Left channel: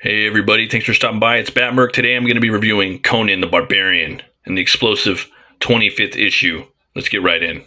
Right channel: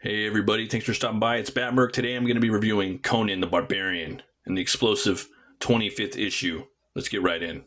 Hey everybody, thanks for stopping by. It's Batmerk. Today I'm going to be reviewing Conan the Barbarian and the explosive 25th issue. Let's get right in.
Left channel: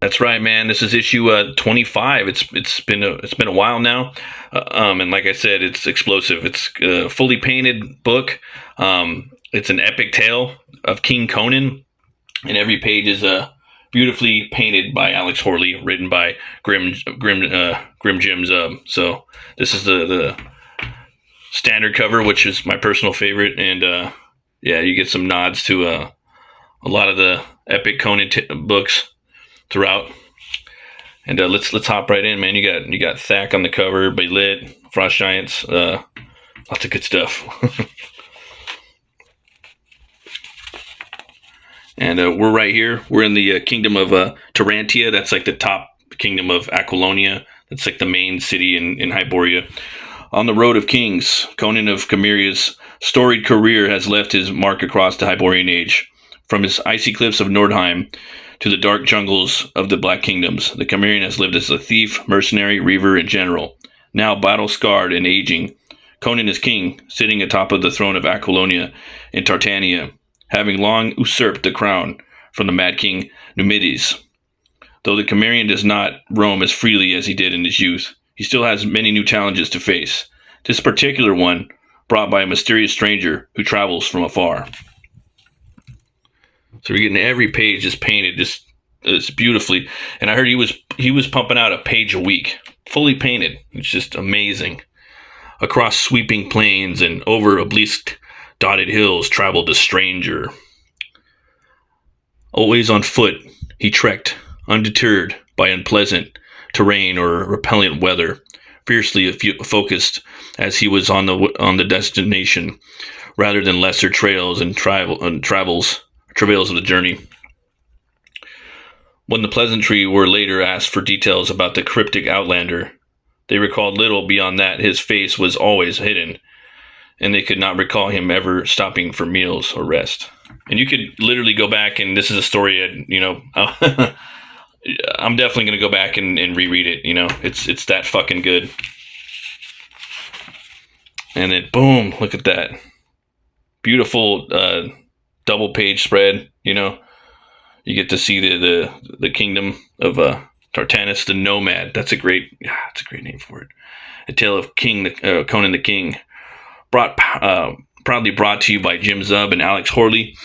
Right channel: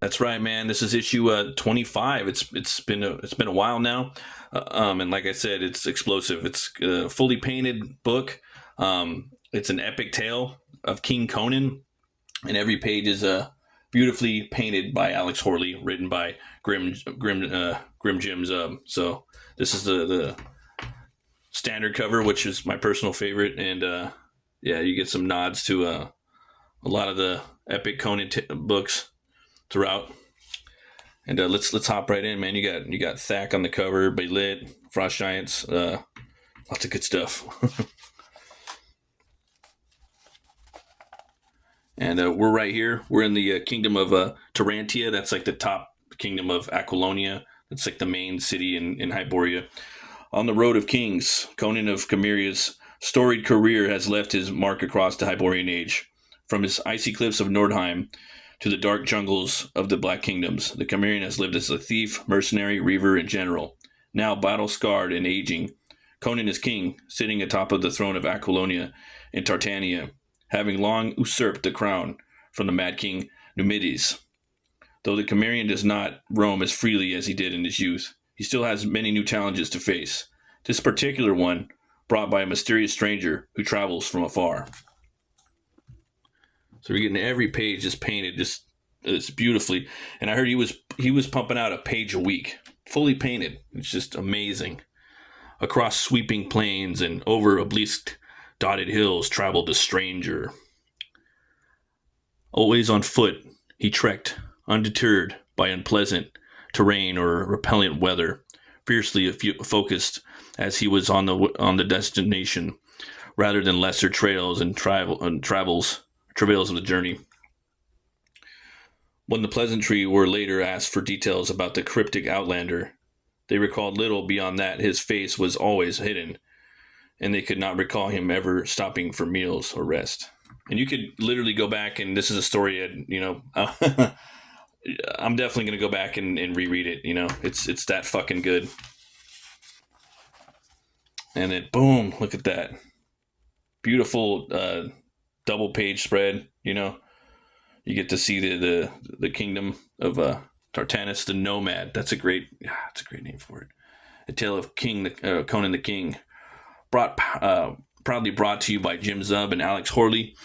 That's right, man. This is issue 25. It's been a while now, and like I said, it's explosive. It's a fully painted book. It's an epic tale of King Conan, and every page is beautifully painted by Alex Horley, written by Grim Jim Zub. So this is the standard cover, which is my personal favorite, and yeah, you get some nods to a lot of the epic Conan books throughout. And let's hop right in, man. You got Thack on the cover, Baylit, Frost Giants, lots of good stuff. And we're right here. We're in the kingdom of Tarantia. That's like the top kingdom of Aquilonia. That's like the main city in Hyboria. On the road of kings, Conan of Chimeria's storied career has left his mark across the Hyborian age. From his icy cliffs of Nordheim to the dark jungles of the Black Kingdoms, the Cimmerian has lived as a thief, mercenary, reaver, and general. Now battle-scarred and aging, Conan is king, sitting atop of the throne of Aquilonia in Tartania, having long usurped the crown from the Mad King Numides. Though the Cimmerian does not roam as freely as he did in his youth, he still has many new challenges to face. This particular one brought by a mysterious stranger who travels from afar. So we're getting every page just painted just beautifully, and I heard he was pumping out a page a week, fully painted. It's just amazing. Across sweeping plains and over obelisk dotted hills traveled the stranger. Always on foot, he trekked, undeterred by unpleasant terrain or repellent weather, fiercely focused as he was on the destination, rather than lesser trails and travails of the journey. When the peasantry were later asked for details about the cryptic outlander, they recalled little beyond that his face was always hidden, and they could not recall him ever stopping for meals or rest. And you could literally go back, and this is a story, I'm definitely going to go back and reread it. It's that fucking good. And then, boom, look at that. Beautiful double page spread. You get to see the kingdom of Tartanus the Nomad. That's a great name for it. A tale of Conan the King, proudly brought to you by Jim Zub and Alex Horley.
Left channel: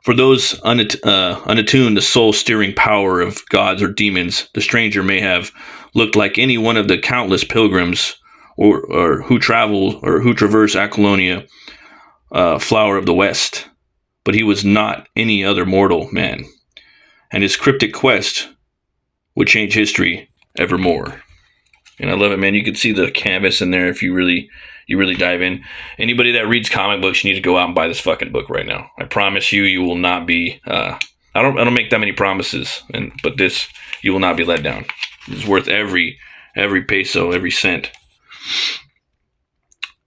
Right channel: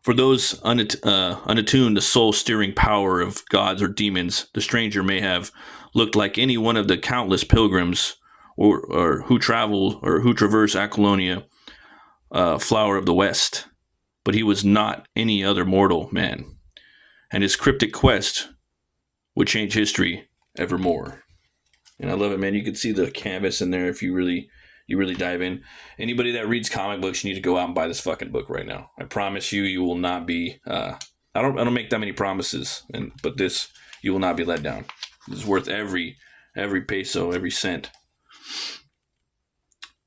For those unattuned to soul-steering power of gods or demons, the stranger may have looked like any one of the countless pilgrims or who travel or who traverse Aquilonia, flower of the West. But he was not any other mortal man, and his cryptic quest would change history evermore. And I love it, man. You can see the canvas in there if you really dive in. Anybody that reads comic books, you need to go out and buy this fucking book right now. I promise you, you will not be. I don't make that many promises, but this, you will not be let down. It's worth every peso, every cent,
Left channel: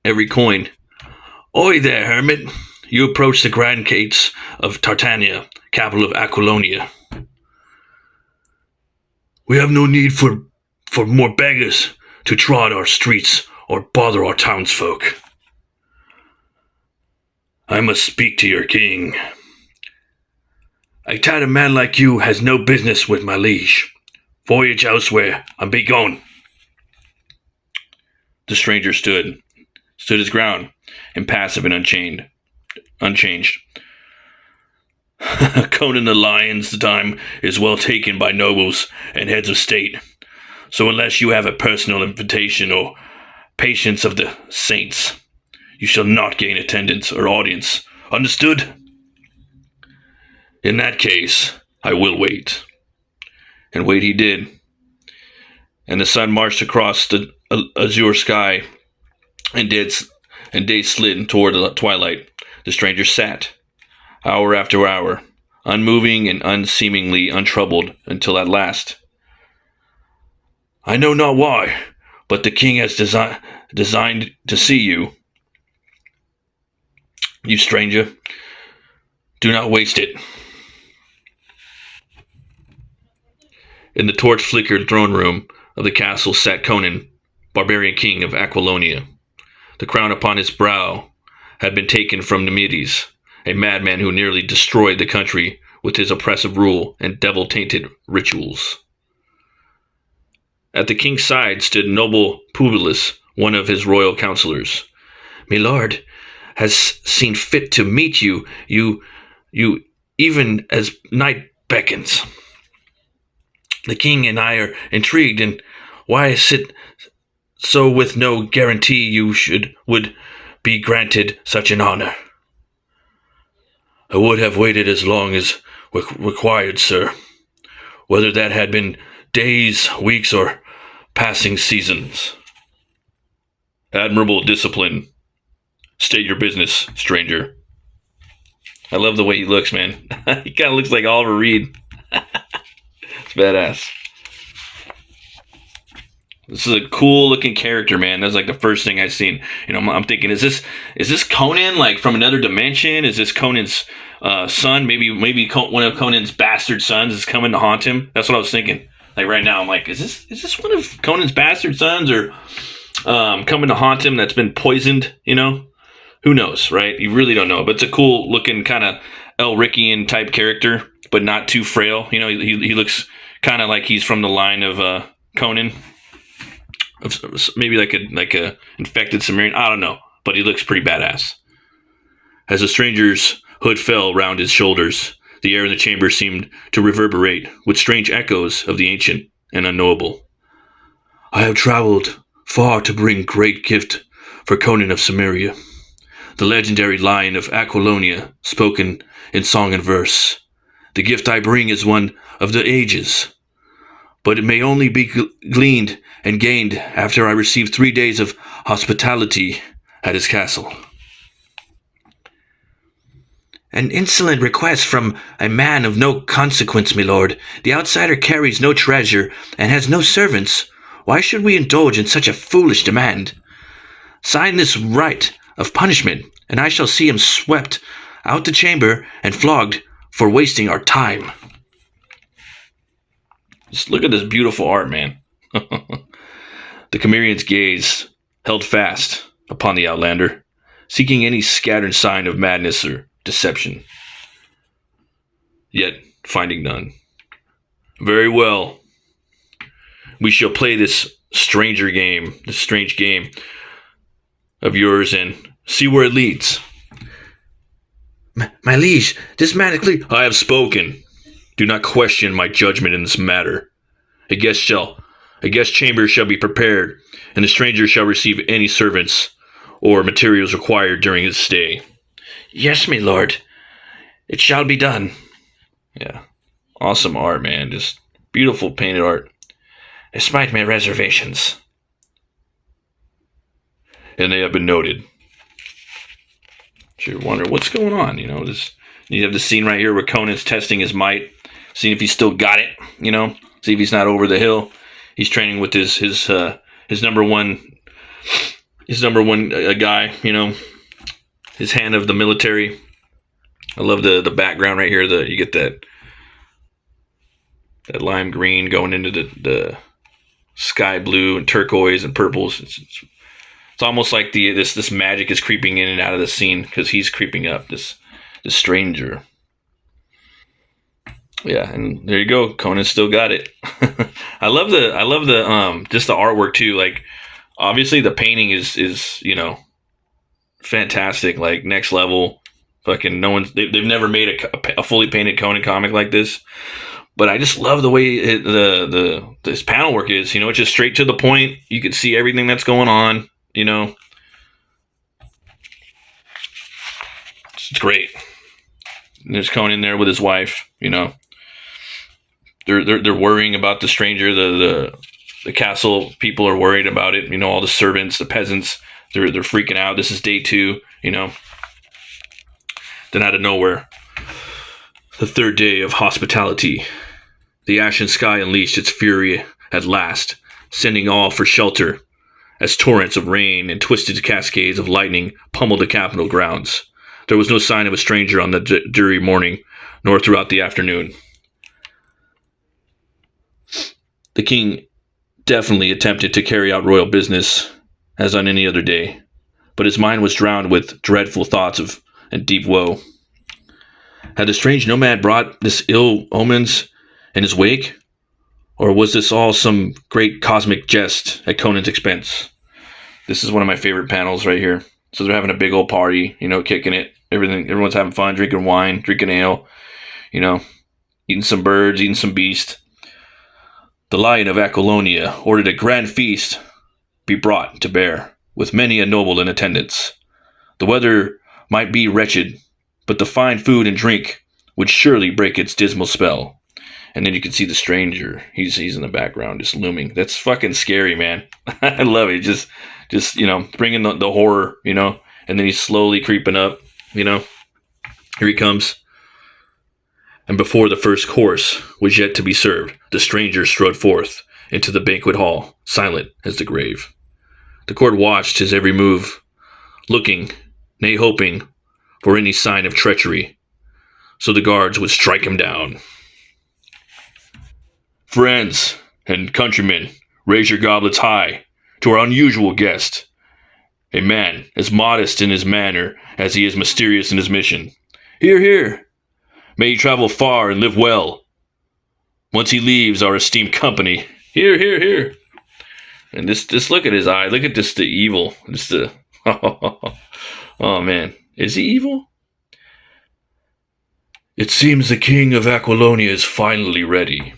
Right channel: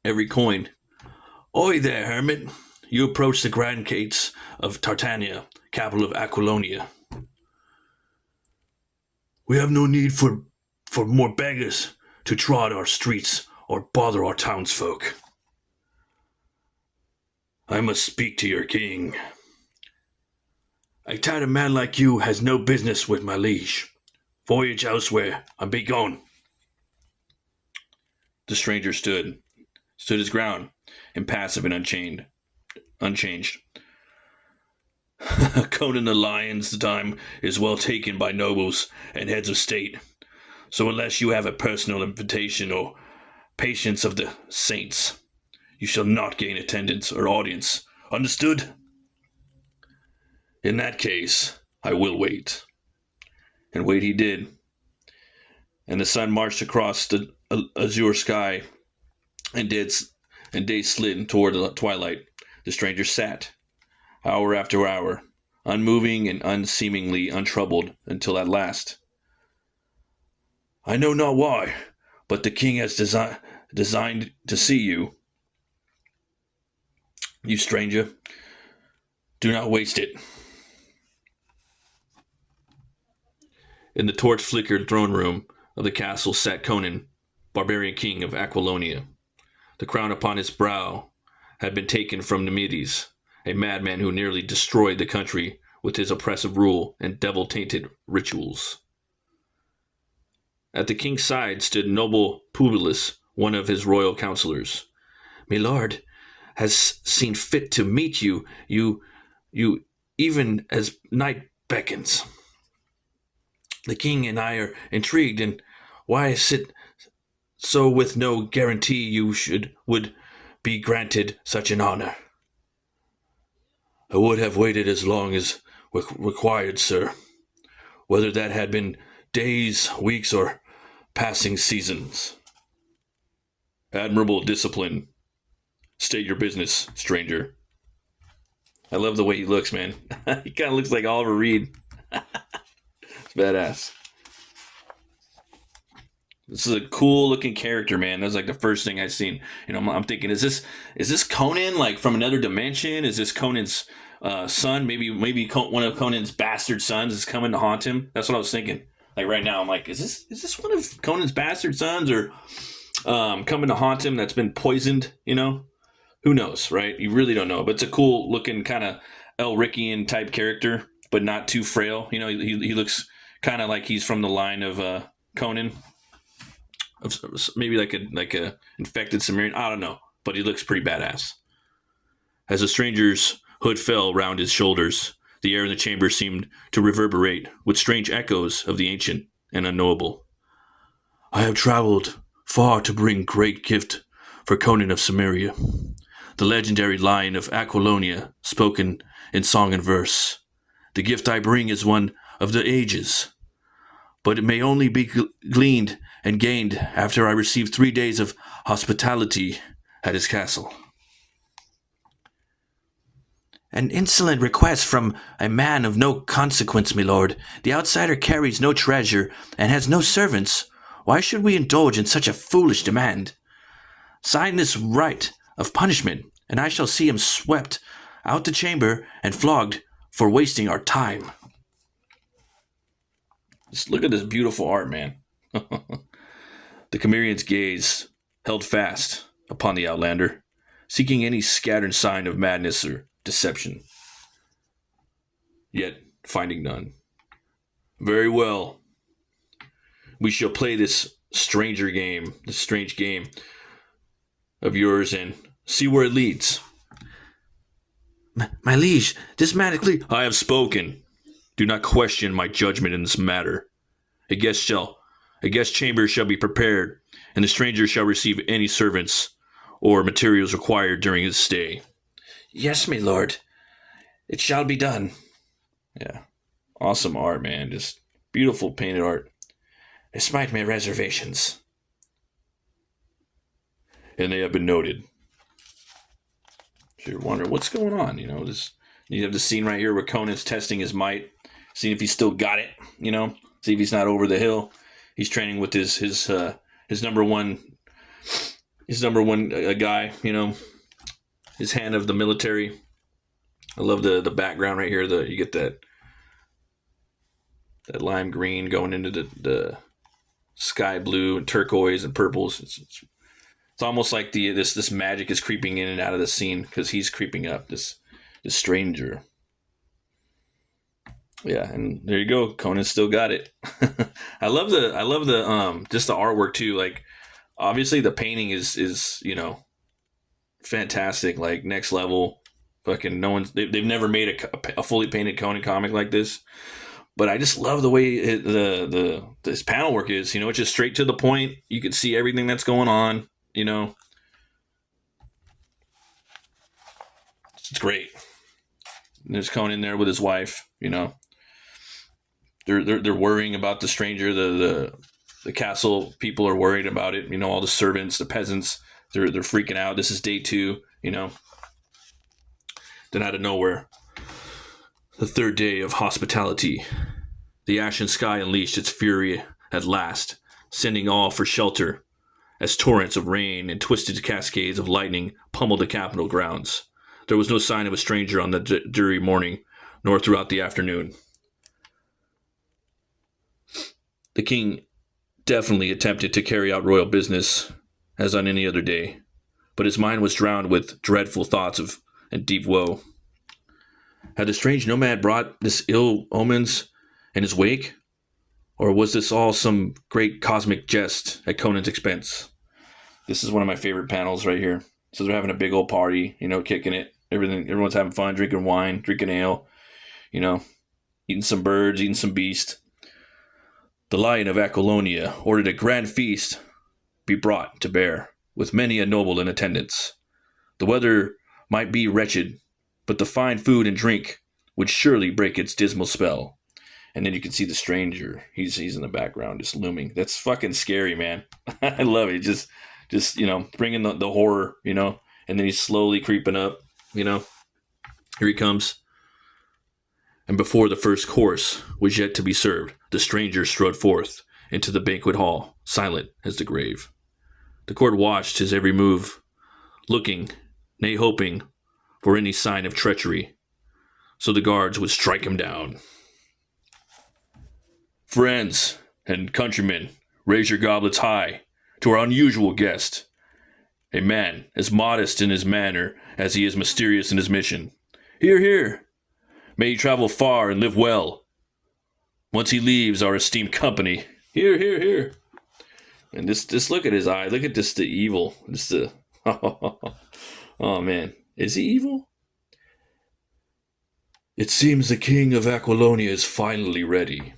every coin. Oi there, hermit. You approach the grand gates of Tartania, capital of Aquilonia. We have no need for more beggars to trod our streets or bother our townsfolk. I must speak to your king. A tattered man like you has no business with my liege. Voyage elsewhere and be gone. The stranger stood his ground, impassive and unchanged. Conan the Lion's time is well taken by nobles and heads of state. So unless you have a personal invitation or patience of the saints, you shall not gain attendance or audience. Understood? In that case, I will wait. And wait he did. And the sun marched across the azure sky, and day slid toward the twilight. The stranger sat, hour after hour, unmoving and unseemingly untroubled, until at last, I know not why, but the king has designed to see you. You stranger, do not waste it. In the torch-flickered throne room of the castle sat Conan, barbarian king of Aquilonia. The crown upon his brow had been taken from Nemetes, a madman who nearly destroyed the country with his oppressive rule and devil-tainted rituals. At the king's side stood noble Publius, one of his royal counselors. "My lord has seen fit to meet you, even as night beckons. The king and I are intrigued, and why is it so with no guarantee would be granted such an honor?" "I would have waited as long as required, sir, whether that had been days, weeks, or passing seasons." "Admirable discipline. State your business, stranger." I love the way he looks, man. He kind of looks like Oliver Reed. It's badass. This is a cool looking character, man. That's like the first thing I seen. I'm thinking, is this Conan, like from another dimension? Is this Conan's son? Maybe one of Conan's bastard sons is coming to haunt him. That's what I was thinking. Like right now, I'm like, is this one of Conan's bastard sons, or coming to haunt him that's been poisoned? Who knows, right? You really don't know. But it's a cool looking kind of Elrickian type character, but not too frail. He looks kind of like he's from the line of Conan. Maybe like a infected Sumerian. I don't know, but he looks pretty badass. As the stranger's hood fell round his shoulders, the air in the chamber seemed to reverberate with strange echoes of the ancient and unknowable. "I have traveled far to bring great gift for Conan of Samaria, the legendary lion of Aquilonia, spoken in song and verse. The gift I bring is one of the ages, but it may only be gleaned and gained after I receive 3 days of hospitality at his castle." "An insolent request from a man of no consequence, my lord. The outsider carries no treasure and has no servants. Why should we indulge in such a foolish demand? Sign this right of punishment, and I shall see him swept out the chamber and flogged for wasting our time." Just look at this beautiful art, man. The Cimmerian's gaze held fast upon the outlander, seeking any scattered sign of madness or deception, yet finding none. "Very well. We shall play this strange game of yours, and see where it leads." My liege, this man is "I have spoken. Do not question my judgment in this matter. A guest chamber shall be prepared, and the stranger shall receive any servants or materials required during his stay." "Yes, my lord. It shall be done." Yeah. Awesome art, man. Just beautiful painted art. "Despite my reservations." "And they have been noted." So you wonder what's going on, you have the scene right here where Conan's testing his might, seeing if he's still got it, see if he's not over the hill. He's training with his number one guy, his hand of the military. I love the background right here. You get that lime green going into the sky blue and turquoise and purples. It's almost like this magic is creeping in and out of the scene because he's creeping up, this stranger. Yeah, and there you go. Conan still got it. I love the just the artwork too. Like, obviously the painting is fantastic, like next level. Fucking they've never made a fully painted Conan comic like this. But I just love the way this panel work is. It's just straight to the point. You can see everything that's going on. It's great. And there's Conan there with his wife. They're worrying about the stranger. The castle people are worried about it. All the servants, the peasants, they're freaking out. This is day 2. Then out of nowhere, the 3rd day of hospitality, the ashen sky unleashed its fury at last, sending all for shelter as torrents of rain and twisted cascades of lightning pummeled the capital grounds. There was no sign of a stranger on the dreary morning, nor throughout the afternoon. The king definitely attempted to carry out royal business as on any other day, but his mind was drowned with dreadful thoughts of and deep woe. Had the strange nomad brought this ill omens in his wake, or was this all some great cosmic jest at Conan's expense? This is one of my favorite panels right here. So they're having a big old party, kicking it. Everyone's having fun, drinking wine, drinking ale, eating some birds, eating some beast. The Lion of Aquilonia ordered a grand feast be brought to bear, with many a noble in attendance. The weather might be wretched, but the fine food and drink would surely break its dismal spell. And then you can see the stranger. He's in the background, just looming. That's fucking scary, man. I love it. Just bringing the horror, and then he's slowly creeping up, Here he comes. And before the first course was yet to be served, the stranger strode forth into the banquet hall, silent as the grave. The court watched his every move, looking, nay hoping, for any sign of treachery, so the guards would strike him down. Friends and countrymen, raise your goblets high to our unusual guest, a man as modest in his manner as he is mysterious in his mission. Hear, hear! May he travel far and live well. Once he leaves our esteemed company, hear, hear, hear! And just look at his eye. Look at the evil. Oh man, is he evil? It seems the king of Aquilonia is finally ready.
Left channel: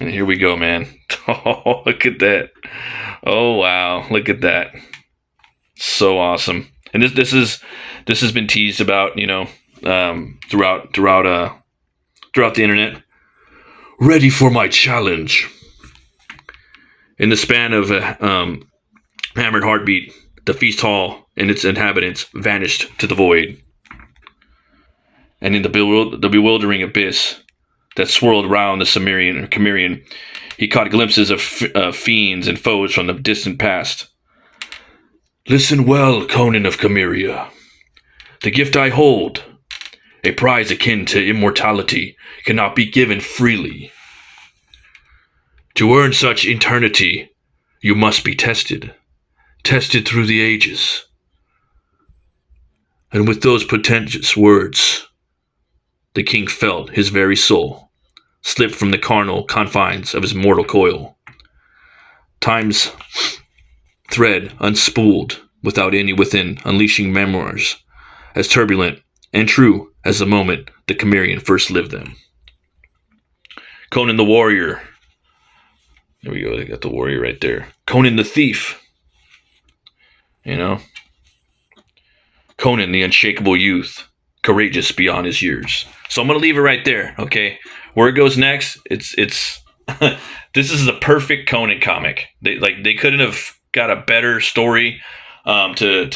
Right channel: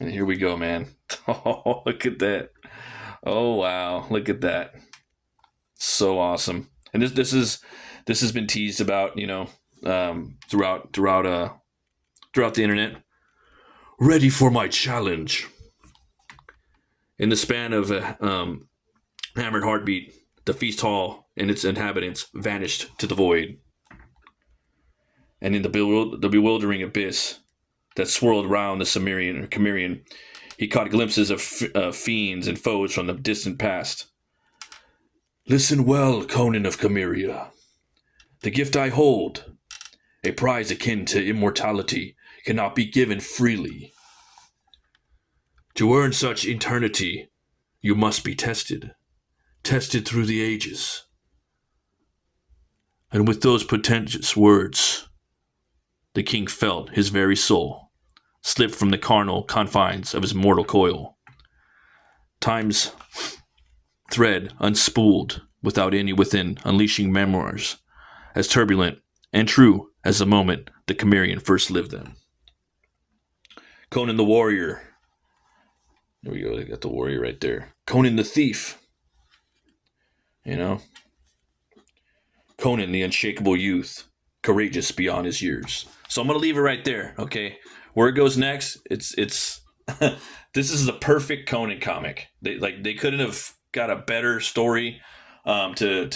And here we go, man. Oh, look at that. Oh, wow. Look at that. So awesome. And this has been teased about, throughout the internet. Ready for my challenge. In the span of a hammered heartbeat, the feast hall and its inhabitants vanished to the void. And in the bewildering abyss that swirled round the Cimmerian, he caught glimpses of fiends and foes from the distant past. Listen well, Conan of Cimmeria. The gift I hold, a prize akin to immortality, cannot be given freely. To earn such eternity, you must be tested through the ages. And with those portentous words, the king felt his very soul slip from the carnal confines of his mortal coil. Time's thread unspooled without any within, unleashing memoirs as turbulent and true as the moment the Cimmerian first lived them. Conan the warrior. There we go, they got the warrior right there. Conan the thief. Conan the unshakable youth, courageous beyond his years. So I'm going to leave it right there, okay? Where it goes next, it's this is a perfect Conan comic. They couldn't have got a better story and a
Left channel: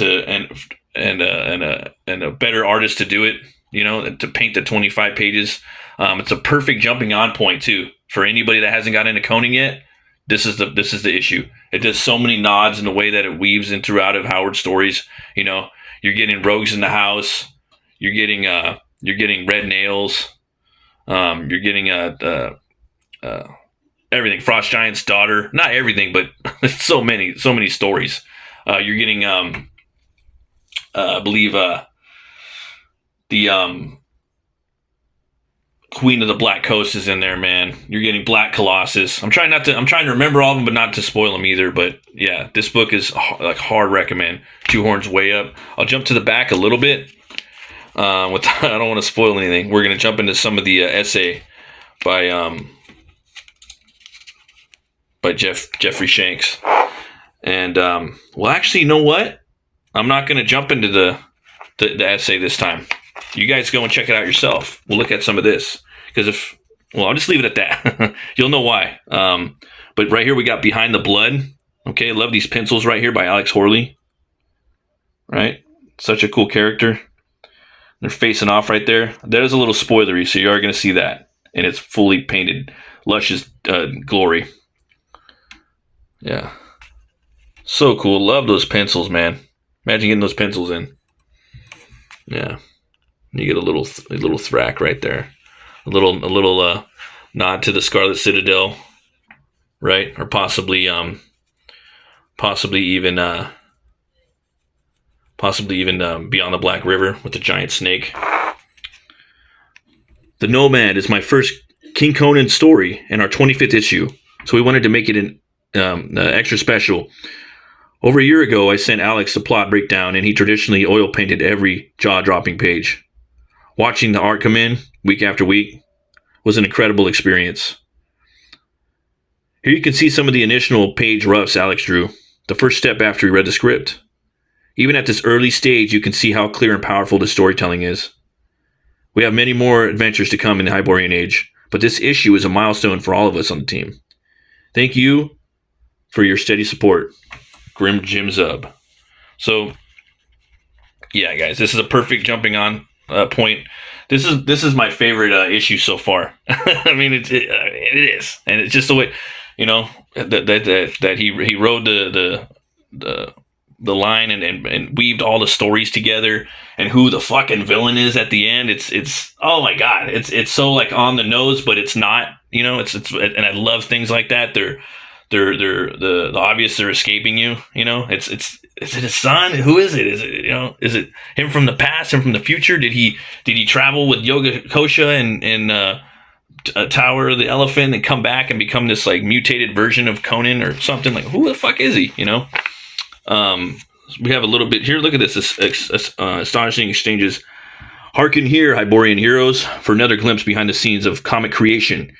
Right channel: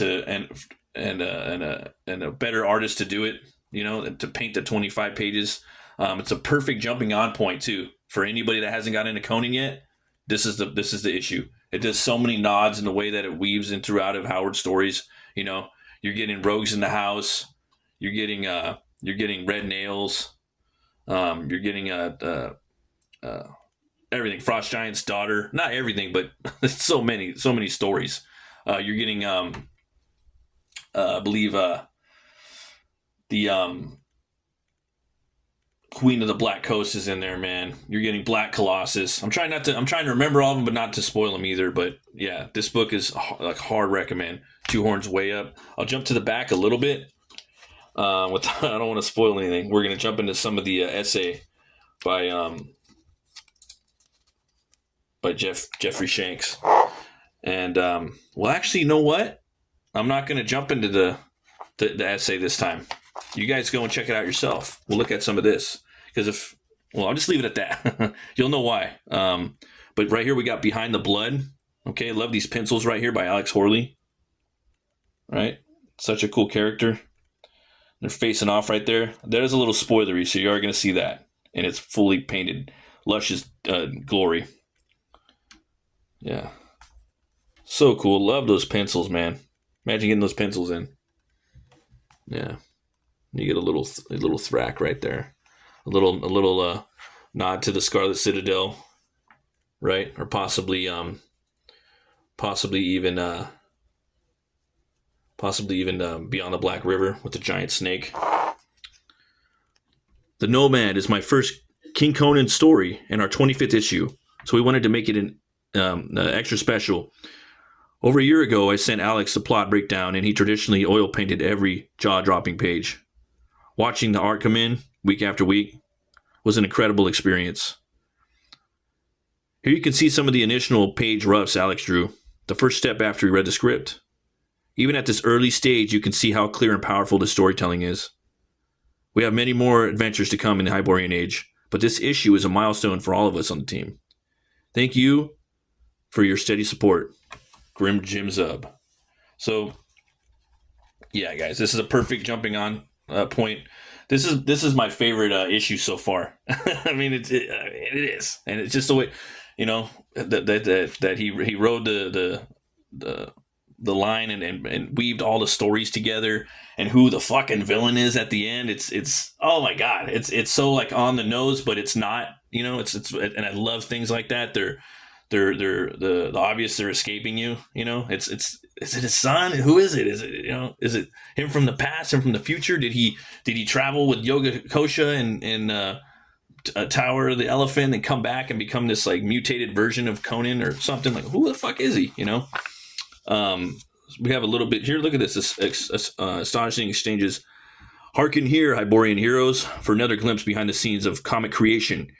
better artist to do it, to paint the 25 pages. It's a perfect jumping on point too for anybody that hasn't got into Conan yet. This is the issue. It does so many nods in the way that it weaves in throughout of Howard's stories. You're getting rogues in the house. You're getting red nails. You're getting everything. Frost Giant's daughter. Not everything, but so many stories. You're getting I believe the Queen of the Black Coast is in there, man. You're getting Black Colossus. I'm trying to remember all of them, but not to spoil them either. But yeah, this book is hard recommend. Two Horns Way Up. I'll jump to the back a little bit. I don't want to spoil anything. We're gonna jump into some of the essay by Jeffrey Shanks. And well, actually, you know what? I'm not gonna jump into the essay this time. You guys go and check it out yourself. We'll look at some of this because I'll just leave it at that. You'll know why. But right here we got Behind the Blood. Okay, love these pencils right here by Alex Horley. Right, such a cool character. They're facing off right there. There's a little spoilery, so you are going to see that. And it's fully painted, luscious glory. Yeah. So cool. Love those pencils, man. Imagine getting those pencils in. Yeah, you get a little thrack right there. A little nod to the Scarlet Citadel, right? Or possibly even beyond the Black River with the giant snake. The Nomad is my first King Conan story in our 25th issue, so we wanted to make it an extra special. Over a year ago, I sent Alex the plot breakdown, and he traditionally oil painted every jaw-dropping page. Watching the art come in week after week was an incredible experience. Here you can see some of the initial page roughs Alex drew, the first step after he read the script. Even at this early stage, you can see how clear and powerful the storytelling is. We have many more adventures to come in the Hyborian Age, but this issue is a milestone for all of us on the team. Thank you for your steady support. Grim Jim Zub. So, yeah, guys, this is a perfect jumping on point. This is my favorite issue so far. I mean, it is, and it's just the way, that he wrote the line and weaved all the stories together, and who the fucking villain is at the end. It's oh my god, it's so like on the nose, but it's not. It's and I love things like that. They're the obvious are escaping you. Is it his son? Who is it? Is it him from the past, him from the future? Did he travel with Yoga Kosha and Tower of the Elephant and come back and become this like mutated version of Conan or something? Like, who the fuck is he? We have a little bit here. Look at this astonishing exchanges. Hearken here, Hyborian heroes, for another glimpse behind the scenes of comic creation.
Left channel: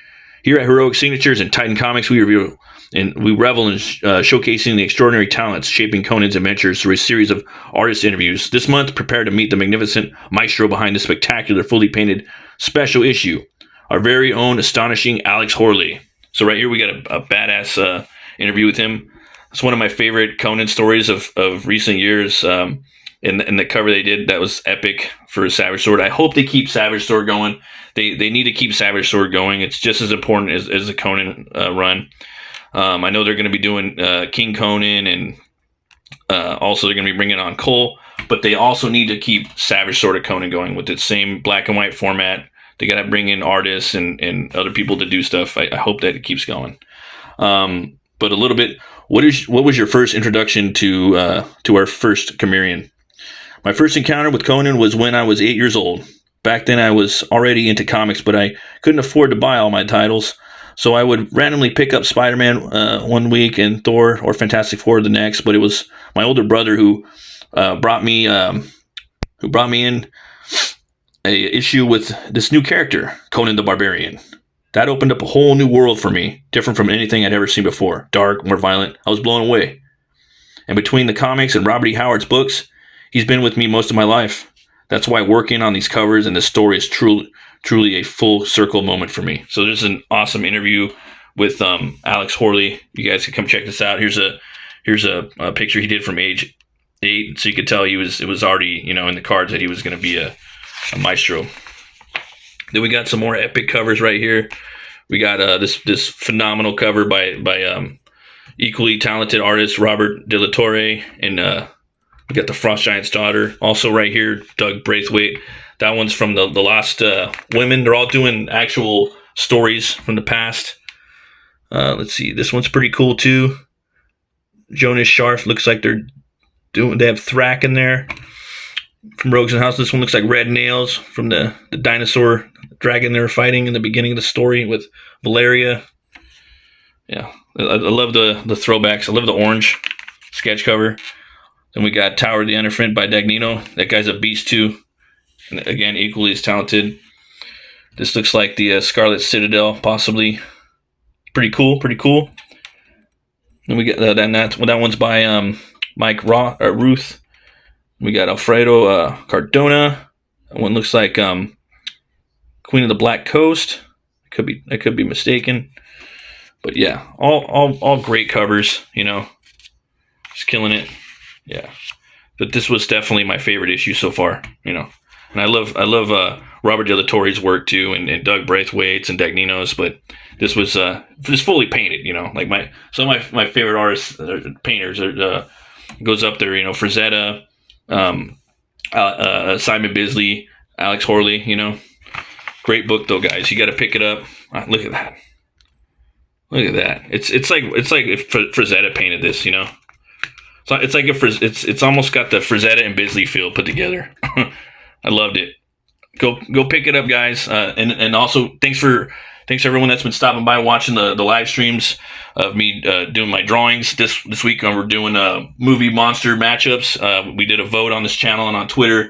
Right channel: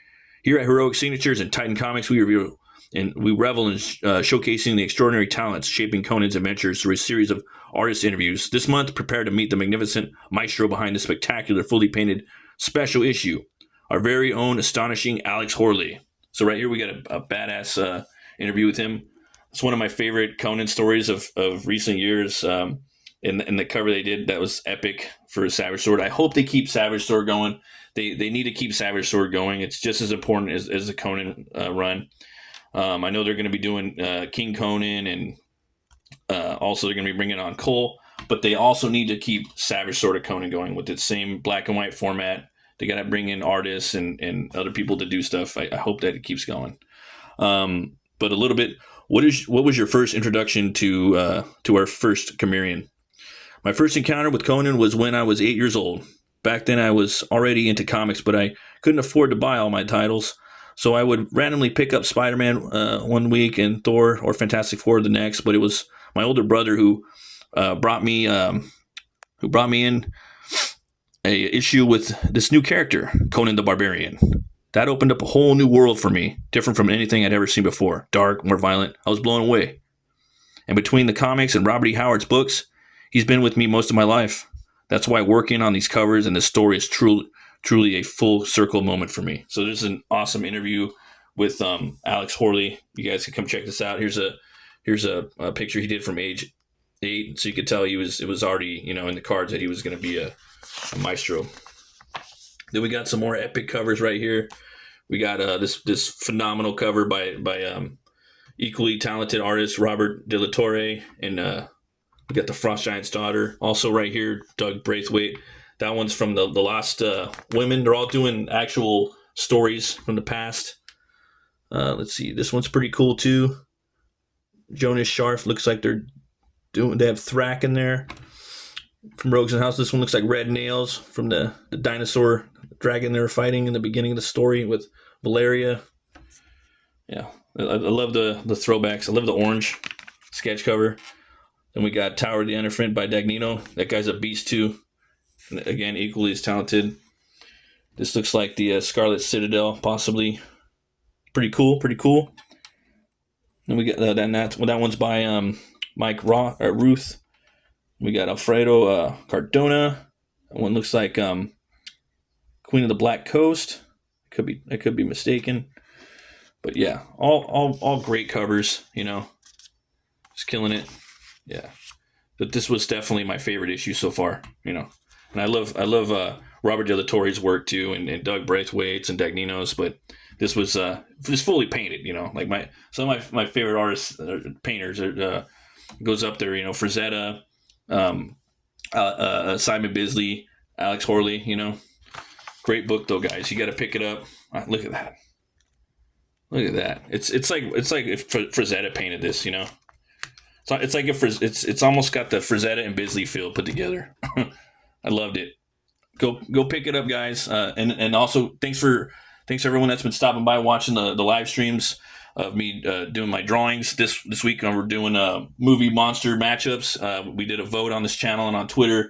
Here at Heroic Signatures and Titan Comics, we reveal and we revel in showcasing the extraordinary talents shaping Conan's adventures through a series of artist interviews. This month, prepare to meet the magnificent maestro behind the spectacular, fully painted special issue, our very own astonishing Alex Horley. So right here, we got a badass interview with him. It's one of my favorite Conan stories of recent years. And the cover they did, that was epic for Savage Sword. I hope they keep Savage Sword going. They need to keep Savage Sword going. It's just as important as the Conan run. I know they're going to be doing King Conan, and also they're going to be bringing on Cole, but they also need to keep Savage Sword of Conan going with its same black and white format. They got to bring in artists and other people to do stuff. I hope that it keeps going. But a little bit, what was your first introduction to our first Cimmerian? My first encounter with Conan was when I was 8 years old. Back then I was already into comics, but I couldn't afford to buy all my titles. So I would randomly pick up Spider-Man one week and Thor or Fantastic Four the next. But it was my older brother who brought me in a issue with this new character, Conan the Barbarian. That opened up a whole new world for me, different from anything I'd ever seen before. Dark, more violent. I was blown away. And between the comics and Robert E. Howard's books, he's been with me most of my life. That's why working on these covers and this story is truly a full circle moment for me. So there's an awesome interview with Alex Horley. You guys can come check this out. Here's a picture he did from age 8, so you could tell it was already in the cards that he was going to be a maestro. Then we got some more epic covers right here. We got this phenomenal cover by equally talented artist Robert De La Torre, and we got the Frost Giant's daughter. Also right here, Doug Braithwaite. That one's from the Lost Women. They're all doing actual stories from the past. Let's see. This one's pretty cool too. Jonas Scharf looks like they have Thrak in there from Rogues and House. This one looks like Red Nails from the dinosaur dragon they were fighting in the beginning of the story with Valeria. Yeah, I love the throwbacks. I love the orange sketch cover. Then we got Tower of the Elephant by Dagnino. That guy's a beast too. And again, equally as talented. This looks like the Scarlet Citadel, possibly. Pretty cool. Then we get that one's by Mike Ruth. We got Alfredo Cardona. That one looks like Queen of the Black Coast. I could be mistaken, but yeah, all great covers. Just killing it. Yeah, but this was definitely my favorite issue so far. And I love Robert De La Torre's work too, and Doug Braithwaite's and Dagnino's. But this was just fully painted. Like some of my favorite artists, painters. Goes up there. Frazetta, Simon Bisley, Alex Horley. Great book though, guys. You got to pick it up. Look at that. Look at that. It's like if Frazetta painted this. So it's like it's almost got the Frazetta and Bisley feel put together. I loved it. Go pick it up, guys. And also thanks everyone that's been stopping by watching the live streams of me doing my drawings this week. We're doing movie monster matchups. We did a vote on this channel and on Twitter,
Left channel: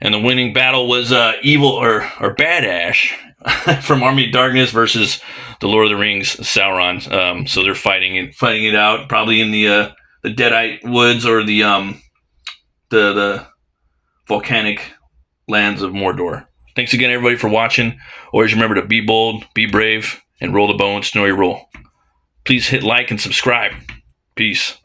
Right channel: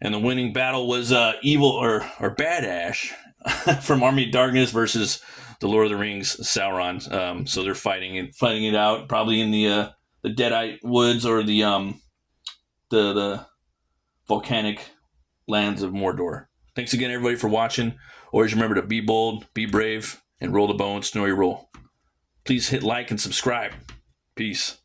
and the winning battle was Evil or Bad Ash from Army of Darkness versus the Lord of the Rings Sauron. So they're fighting it out, probably in the Deadite Woods or the volcanic lands of Mordor. Thanks again, everybody, for watching. Always remember to be bold, be brave, and roll the bones, Snorri roll. Please hit like and subscribe. Peace.